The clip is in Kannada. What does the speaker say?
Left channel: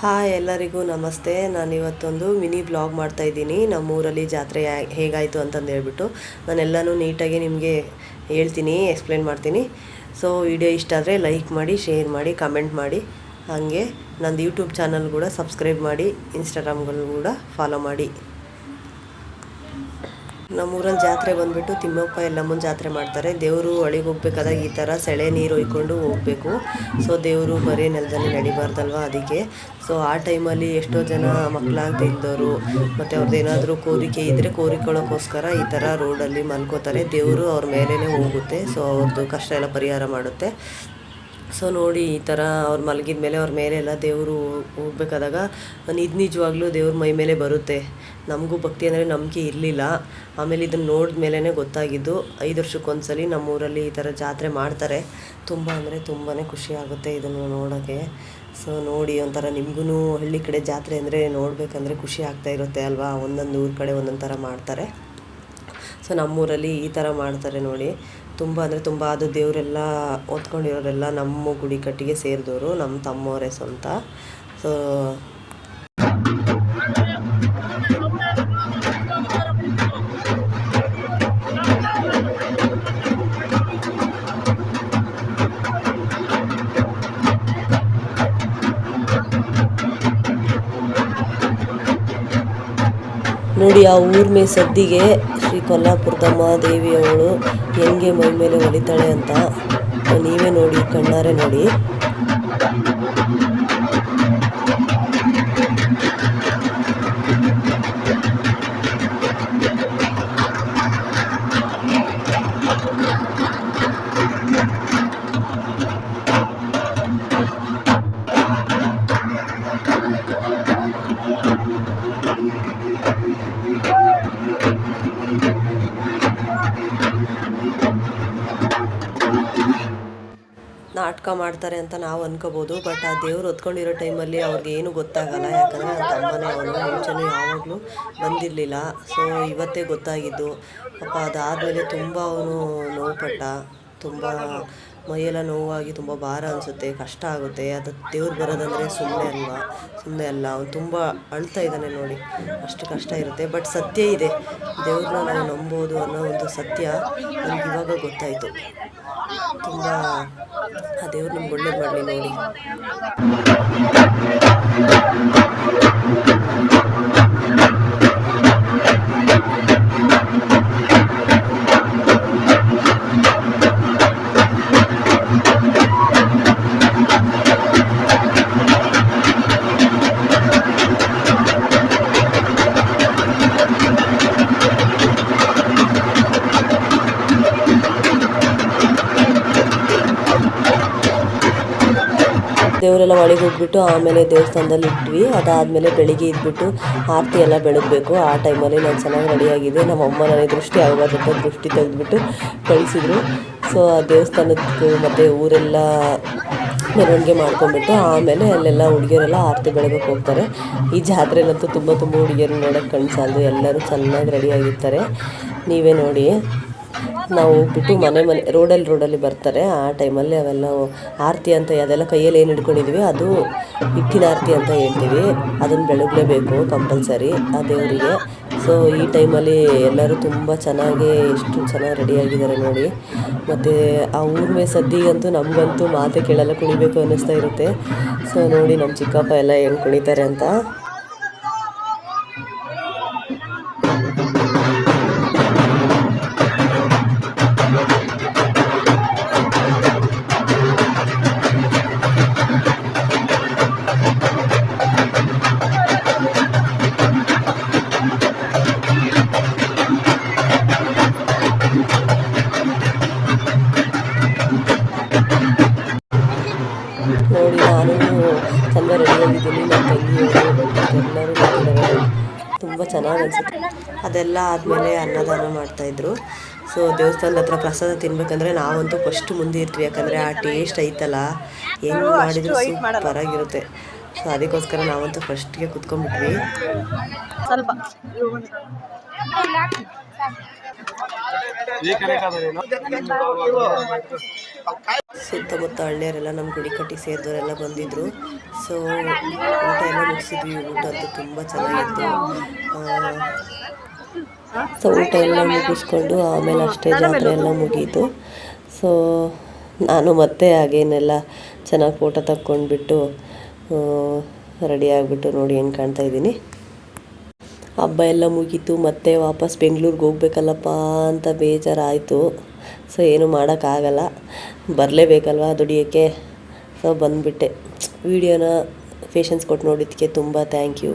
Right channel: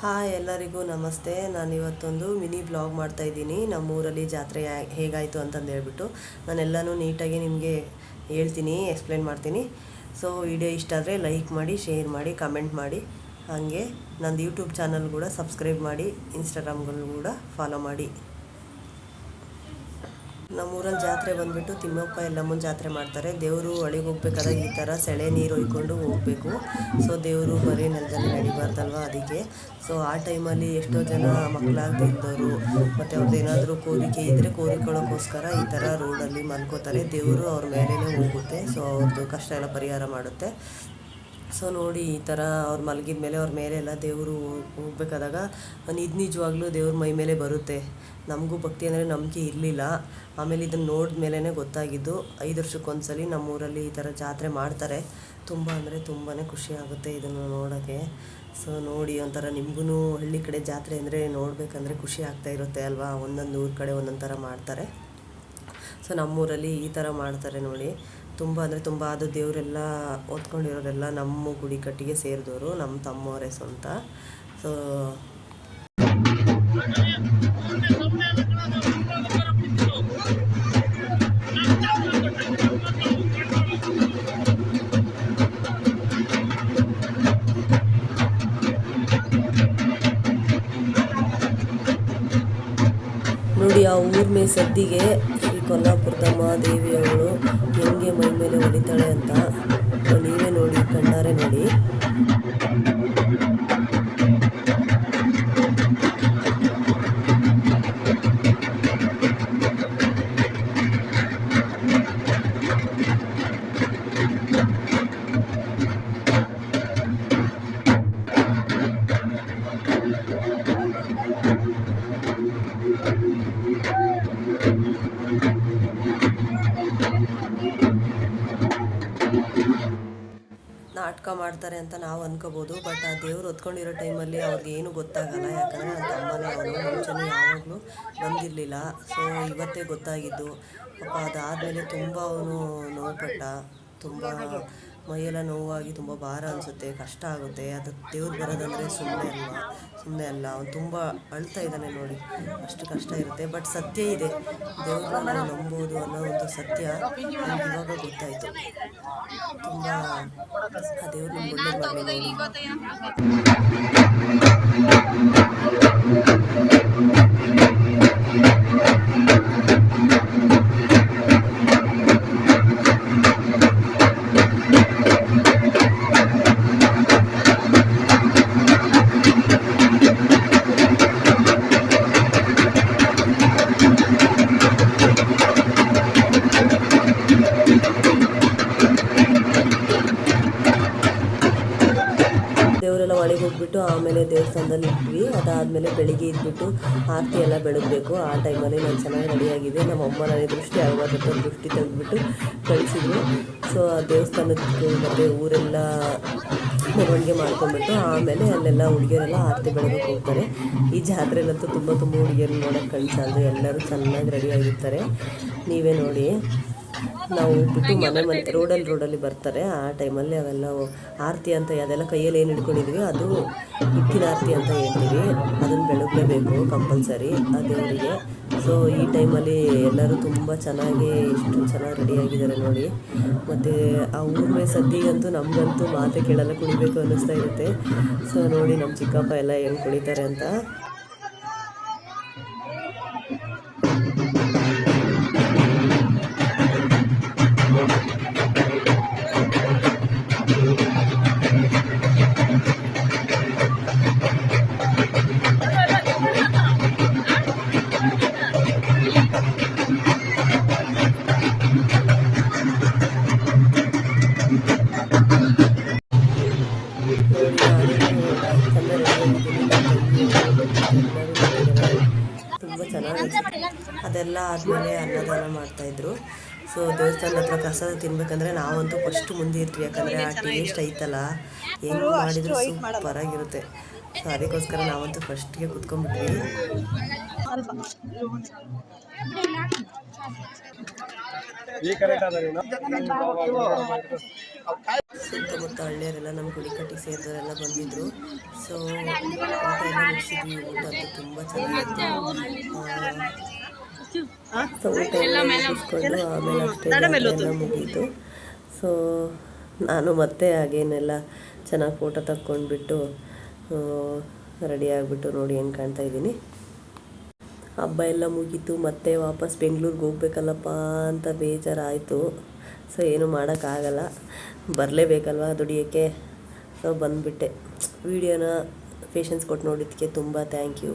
ಹಾಯ್ ಎಲ್ಲರಿಗೂ ನಮಸ್ತೆ. ನಾನಿವತ್ತೊಂದು ಮಿನಿ ಬ್ಲಾಗ್ ಮಾಡ್ತಾಯಿದ್ದೀನಿ. ನಮ್ಮೂರಲ್ಲಿ ಜಾತ್ರೆ ಹೇಗಾಯಿತು ಅಂತಂದು ಹೇಳ್ಬಿಟ್ಟು ನಾನೆಲ್ಲನೂ ನೀಟಾಗಿ ನಿಮಗೆ ಹೇಳ್ತೀನಿ, ಎಕ್ಸ್ಪ್ಲೇನ್ ಮಾಡ್ತೀನಿ. ಸೊ ವಿಡಿಯೋ ಇಷ್ಟ ಆದರೆ ಲೈಕ್ ಮಾಡಿ, ಶೇರ್ ಮಾಡಿ, ಕಮೆಂಟ್ ಮಾಡಿ. ಹಾಗೆ ನಂದು ಯೂಟ್ಯೂಬ್ ಚಾನಲ್ ಕೂಡ ಸಬ್ಸ್ಕ್ರೈಬ್ ಮಾಡಿ, ಇನ್ಸ್ಟಾಗ್ರಾಮ್ಗಳು ಕೂಡ ಫಾಲೋ ಮಾಡಿ. ನಮ್ಮೂರಲ್ಲಿ ಜಾತ್ರೆ ಬಂದುಬಿಟ್ಟು ತಿಮ್ಮಪ್ಪ ಎಲ್ಲಮ್ಮನ ಜಾತ್ರೆ ಮಾಡ್ತಾರೆ. ದೇವರು ಹೊಳಿಗೆ ಹೋಗ್ಬೇಕಾದಾಗ ಈ ಥರ ಸೆಳೆ ನೀರು ಹೊಯ್ಕೊಂಡು ಹೋಗಬೇಕು. ಸೊ ದೇವರು ಬರೀ ನೆಲದಲ್ಲಿ ನಡಿಬಾರ್ದಲ್ವ, ಅದಕ್ಕೆ. ಸೊ ಆ ಟೈಮಲ್ಲಿ ಎಷ್ಟೋ ಜನ ಮಕ್ಕಳಾಗದೆ ಇದ್ದವರು ಮತ್ತು ಅವ್ರದ್ದೇನಾದರೂ ಕೋರಿಕೆ ಇದ್ದರೆ ಕೋರಿಕೊಳ್ಳೋಕ್ಕೋಸ್ಕರ ಈ ಥರ ರೋಡಲ್ಲಿ ಮಲ್ಕೋತಾರೆ. ದೇವರು ಅವ್ರ ಮೇಲೇ ಹೋಗುತ್ತೆ. ಸೊ ಅವ್ರದ್ದು ಕಷ್ಟ ಎಲ್ಲ ಪರಿಹಾರ ಮಾಡುತ್ತೆ. ಸೊ ನೋಡಿ, ಈ ಥರ ಅವ್ರು ಮಲಗಿದ ಮೇಲೆ ಅವ್ರ ಮೇಲೆಲ್ಲ ದೇವರು ಹೋಗ್ಬೇಕಾದಾಗ ನಿಜವಾಗ್ಲೂ ದೇವ್ರ ಮೈ ಮೇಲೆ ಬರುತ್ತೆ. ನಮಗೂ ಭಕ್ತಿ ಅಂದರೆ ನಂಬಿಕೆ ಇರಲಿಲ್ಲ. ಆಮೇಲೆ ಇದನ್ನು ನೋಡಿದ ಮೇಲೇ ಗೊತ್ತಾಗಿದ್ದು. 5 ವರ್ಷಕ್ಕೊಂದ್ಸಲಿ ನಮ್ಮೂರಲ್ಲಿ ಈ ಥರ ಜಾತ್ರೆ ಮಾಡ್ತಾರೆ. ತುಂಬ ಅಂದರೆ ತುಂಬಾ ಖುಷಿ ಆಗುತ್ತೆ ಇದನ್ನು ನೋಡೋಕ್ಕೆ. ಸೊ ನೋಡಿ, ಒಂಥರ ನಿಮಗೂ ಹಳ್ಳಿ ಕಡೆ ಜಾತ್ರೆ ಅಂದರೆ ನೋಡಬೇಕಂದ್ರೆ ಖುಷಿ ಆಗ್ತಾ ಇರುತ್ತೆ ಅಲ್ವಾ. ಒಂದೊಂದು ಊರ ಕಡೆ ಒಂದೊಂದು ಥರ ಮಾಡ್ತಾರೆ. ಸೊ ನಮ್ಮೂರಲ್ಲಿ ಈ ಥರ ಮಾಡ್ತಾರೆ ನೋಡಿ. ತುಂಬ ಅಂದರೆ ತುಂಬ. ಅದು ದೇವರೆಲ್ಲ ಓದ್ಕೊಂಡಿರೋರೆಲ್ಲ ನಮ್ಮ ಗುಡಿ ಕಟ್ಟಿಗೆ ಸೇರಿದವರು, ನಮ್ಮ ತಮ್ಮವರೇ ಸ್ವಂತ. ಸೊ ನೋಡಿ, ಆ ಊರ್ಮೆ ಸದ್ದಿಗೆ ಶ್ರೀ ಕೊಲ್ಲಾಪುರದಮ್ಮ ದೇವಿಯವಳು ಹೆಂಗೆ ಮೈ ಮೇಲೆ ಹೊಲಿತಾಳೆ ಅಂತ ನೀವೇ ನೋಡಿ, ಕಣ್ಣಾರೆ ನೋಡಿ. ನಾಟಕ ಮಾಡ್ತಾರೆ ಅಂತ ನಾವು ಅನ್ಕೋಬೋದು. ಬಟ್ ಆ ದೇವ್ರು ಹೊತ್ಕೊಂಡಿರೋ ಟೈಮಲ್ಲಿ ಅವ್ರಿಗೆ ಏನು ಗೊತ್ತಾಗಲ್ಲ. ಯಾಕಂದರೆ ನನ್ನ ತಮ್ಮನೇ ಅವನು, ಮುಂಚೆನೂ ಯಾವಾಗಲೂ ಬಂದಿರಲಿಲ್ಲ. ಸೊ ಇವತ್ತೇ ಗೊತ್ತಾಗಿದ್ದು. ಪಾಪ ಅದಾದಮೇಲೆ ತುಂಬ ಅವನು ನೋವುಪಟ್ಟ. ತುಂಬ ಮೈಯೆಲ್ಲ ನೋವಾಗಿ ತುಂಬ ಭಾರ ಅನಿಸುತ್ತೆ, ಕಷ್ಟ ಆಗುತ್ತೆ. ಅದು ದೇವ್ರು ಬರೋದಂದರೆ ಸುಮ್ಮನೆ ಅಲ್ಲ. ಅವನು ತುಂಬ ಅಳ್ತಾ ಇದ್ದಾನೆ ನೋಡಿ. ಅಷ್ಟು ಕಷ್ಟ ಇರುತ್ತೆ. ಬಟ್ ಸತ್ಯ ಇದೆ, ದೇವ್ರನ್ನ ನಾವು ನಂಬೋದು ಅನ್ನೋ ಒಂದು ಸತ್ಯ ನನಗೆ ಇವಾಗ ಗೊತ್ತಾಯಿತು. ತುಂಬ ಆ ದೇವ್ರು ನಮ್ಗೆ ಒಳ್ಳೇದು ಮಾಡಲಿ ನೋಡಿ. ದೇವರೆಲ್ಲ ಒಳಗೆ ಹೋಗ್ಬಿಟ್ಟು ಆಮೇಲೆ ದೇವಸ್ಥಾನದಲ್ಲಿ ಇಟ್ವಿ. ಅದಾದಮೇಲೆ ಬೆಳಿಗ್ಗೆ ಇದ್ಬಿಟ್ಟು ಆರತಿ ಎಲ್ಲ ಬೆಳಗಬೇಕು. ಆ ಟೈಮಲ್ಲಿ ನಾನು ಚೆನ್ನಾಗಿ ರೆಡಿಯಾಗಿದೆ. ನಮ್ಮ ಅಮ್ಮ ನನಗೆ ದೃಷ್ಟಿ ಆಗೋದಂತ ದೃಷ್ಟಿ ತೆಗೆದುಬಿಟ್ಟು ಕಳಿಸಿದ್ರು. ಸೊ ಆ ದೇವಸ್ಥಾನಕ್ಕೆ ಮತ್ತು ಊರೆಲ್ಲ ಮೆರವಣಿಗೆ ಮಾಡ್ಕೊಂಡ್ಬಿಟ್ಟು ಆಮೇಲೆ ಅಲ್ಲೆಲ್ಲ ಹುಡುಗಿಯರೆಲ್ಲ ಆರತಿ ಬೆಳಗಕ್ಕೆ ಹೋಗ್ತಾರೆ. ಈ ಜಾತ್ರೆಲಂತೂ ತುಂಬ ಹುಡುಗಿಯರು ನೋಡೋಕ್ಕೆ ಕಣ್ಸಾಲ್ದು. ಎಲ್ಲರೂ ಚೆನ್ನಾಗಿ ರೆಡಿಯಾಗಿರ್ತಾರೆ, ನೀವೇ ನೋಡಿ. ನಾವು ಹೋಗ್ಬಿಟ್ಟು ಮನೆ ರೋಡಲ್ಲಿ ಬರ್ತಾರೆ. ಆ ಟೈಮಲ್ಲಿ ಅವೆಲ್ಲ ಆರತಿ ಅಂತ ಅದೆಲ್ಲ ಕೈಯಲ್ಲಿ ಏನು ಹಿಡ್ಕೊಂಡಿದ್ವಿ ಅದು ಹಿಟ್ಟಿನ ಆರತಿ ಅಂತ ಹೇಳ್ತೀವಿ. ಅದನ್ನು ಬೆಳಗಲೇಬೇಕು ಕಂಪಲ್ಸರಿ ಆ ದೇವರಿಗೆ. ಸೊ ಈ ಟೈಮಲ್ಲಿ ಎಲ್ಲರೂ ತುಂಬ ಚೆನ್ನಾಗಿ ಎಷ್ಟು ಚೆನ್ನಾಗಿ ರೆಡಿಯಾಗಿದ್ದಾರೆ ನೋಡಿ. ಮತ್ತು ಆ ಊರ್ಮೆ ಸದ್ದಿಗಂತೂ ನಮಗಂತೂ ಮಾತೆ ಕೇಳಲ್ಲ, ಕುಣಿಬೇಕು ಅನ್ನಿಸ್ತಾ ಇರುತ್ತೆ. ಸೊ ನೋಡಿ ನಮ್ಮ ಚಿಕ್ಕಪ್ಪ ಎಲ್ಲ ಹೆಂಗೆ ಕುಣಿತಾರೆ ಅಂತ. ನೋಡಿ, ನಾನು ತುಂಬ ರೆಡಿಯಾಗಿದ್ದೀನಿ. ನನ್ನ ತಂಗಿಯವರು ಎಲ್ಲರೂ ತುಂಬ ಚೆನ್ನಾಗಿ ಅನಿಸುತ್ತೆ. ಅದೆಲ್ಲ ಆದಮೇಲೆ ಅನ್ನದಾನ ಮಾಡ್ತಾಯಿದ್ರು. ಸೊ ದೇವಸ್ಥಾನದ ಹತ್ರ ಪ್ರಸಾದ ತಿನ್ಬೇಕಂದ್ರೆ ನಾವಂತೂ ಫಸ್ಟ್ ಮುಂದೆ ಇರ್ತೀವಿ. ಯಾಕಂದರೆ ಆ ಟೇಸ್ಟ್ ಐತಲ್ಲ, ಹೆಂಗೆ ಮಾಡಿದ್ರು ಸೂಪರಾಗಿರುತ್ತೆ. ಸೊ ಅದಕ್ಕೋಸ್ಕರ ನಾವಂತೂ ಫಸ್ಟ್ಗೆ ಕುತ್ಕೊಂಡ್ಬಿಟ್ವಿ. ಸ್ವಲ್ಪ ಸುತ್ತಮುತ್ತ ಹಳ್ಳಿಯರೆಲ್ಲ ನಮ್ಮ ಗುಡಿಕಟ್ಟಿ ಸೇರಿದವರೆಲ್ಲ ಬಂದಿದ್ದರು. ಸೊ ಊಟ ಎಲ್ಲ ಮುಗಿಸಿದ್ವಿ. ಊಟ ಅಂತೂ ತುಂಬ ಚೆನ್ನಾಗಿತ್ತು. ಸೊ ಊಟ ಎಲ್ಲ ಮುಗಿಸ್ಕೊಂಡು ಆಮೇಲೆ ಅಷ್ಟೇ ಜಾತ್ರೆ ಎಲ್ಲ ಮುಗೀತು. ಸೊ ನಾನು ಮತ್ತೆ ಹಾಗೇನೆಲ್ಲ ಚೆನ್ನಾಗಿ ಫೋಟೋ ತಕ್ಕೊಂಡ್ಬಿಟ್ಟು ರೆಡಿ ಆಗಿಬಿಟ್ಟು ನೋಡಿ ಹೆಂಗೆ ಕಾಣ್ತಾ ಇದ್ದೀನಿ. ಹಬ್ಬ ಎಲ್ಲ ಮುಗೀತು. ಮತ್ತೆ ವಾಪಸ್ ಬೆಂಗಳೂರಿಗೆ ಹೋಗ್ಬೇಕಲ್ಲಪ್ಪ ಅಂತ ಬೇಜಾರಾಯಿತು. ಸೊ ಏನು ಮಾಡೋಕ್ಕಾಗಲ್ಲ, ಬರಲೇಬೇಕಲ್ವ ದುಡಿಯೋಕ್ಕೆ. ಸೊ ಬಂದುಬಿಟ್ಟೆ. ವಿಡಿಯೋನ ಪೇಷನ್ಸ್ ಕೊಟ್ಟು ನೋಡಿದ್ದಕ್ಕೆ ತುಂಬ ಥ್ಯಾಂಕ್ ಯು.